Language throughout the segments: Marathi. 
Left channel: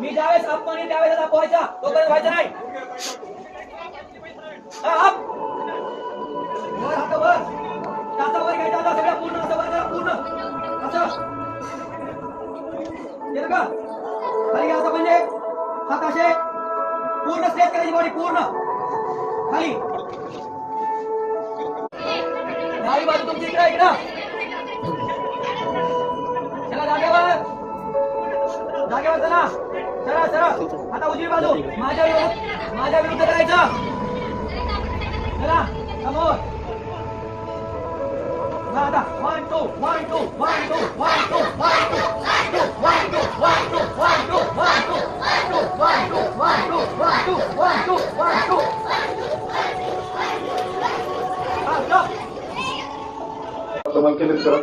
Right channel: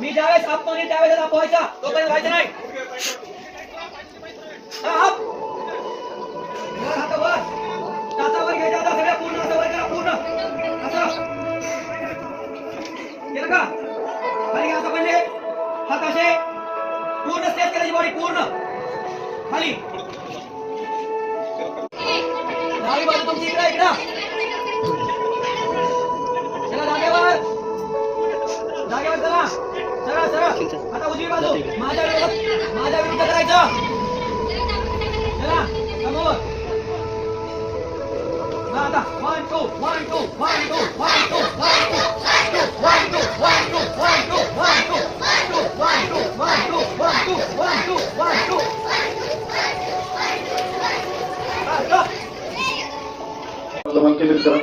मी ज्यावेळेस आपण त्यावेळेस पोहायचा तोपर्यंत व्हायचं नाही. हातावर टाचावर घ्यायचा आता सगळ्या पूर्ण असं वर करा पूर्ण असं केलं का खाली घ्या आता म्हणजे हात असे पूर्ण स्ट्रेच करायची बॉडी पूर्ण खाली डावी बाजू तुमची इकडे इकडं चला जागेवर चला सरळ सरळ आता उजवी बाजू माझ्या विरुद्ध करायचं चला समोर आता 1 2 1 2 1 2 1 2 1 2 1 2 1 2 1 2 1 2 1 2 1 2 1 2 1 2 1 2 मन केंद्रित करा.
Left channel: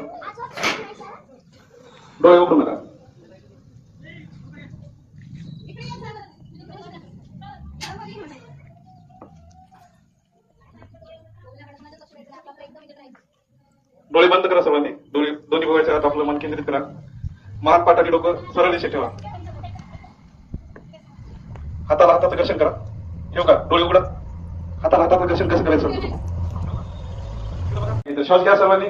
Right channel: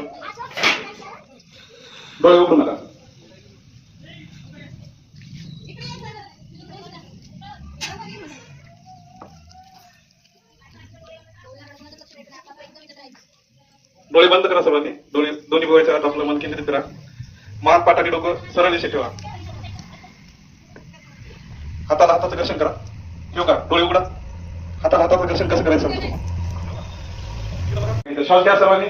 डोळे उघडू नका. डोळे बंद करा सर्वांनी. दोन्ही डोळ्याच्या आत आपलं मन केंद्रित करा. मान पाठाने डोकं सरळ दिशेत ठेवा. हाताला हाताचं घर्षण करा. ठेवू का? डोळे उघडा. हाताला हाताचं घर्षण कसं करायचं? श्वास घ्या सर्वांनी.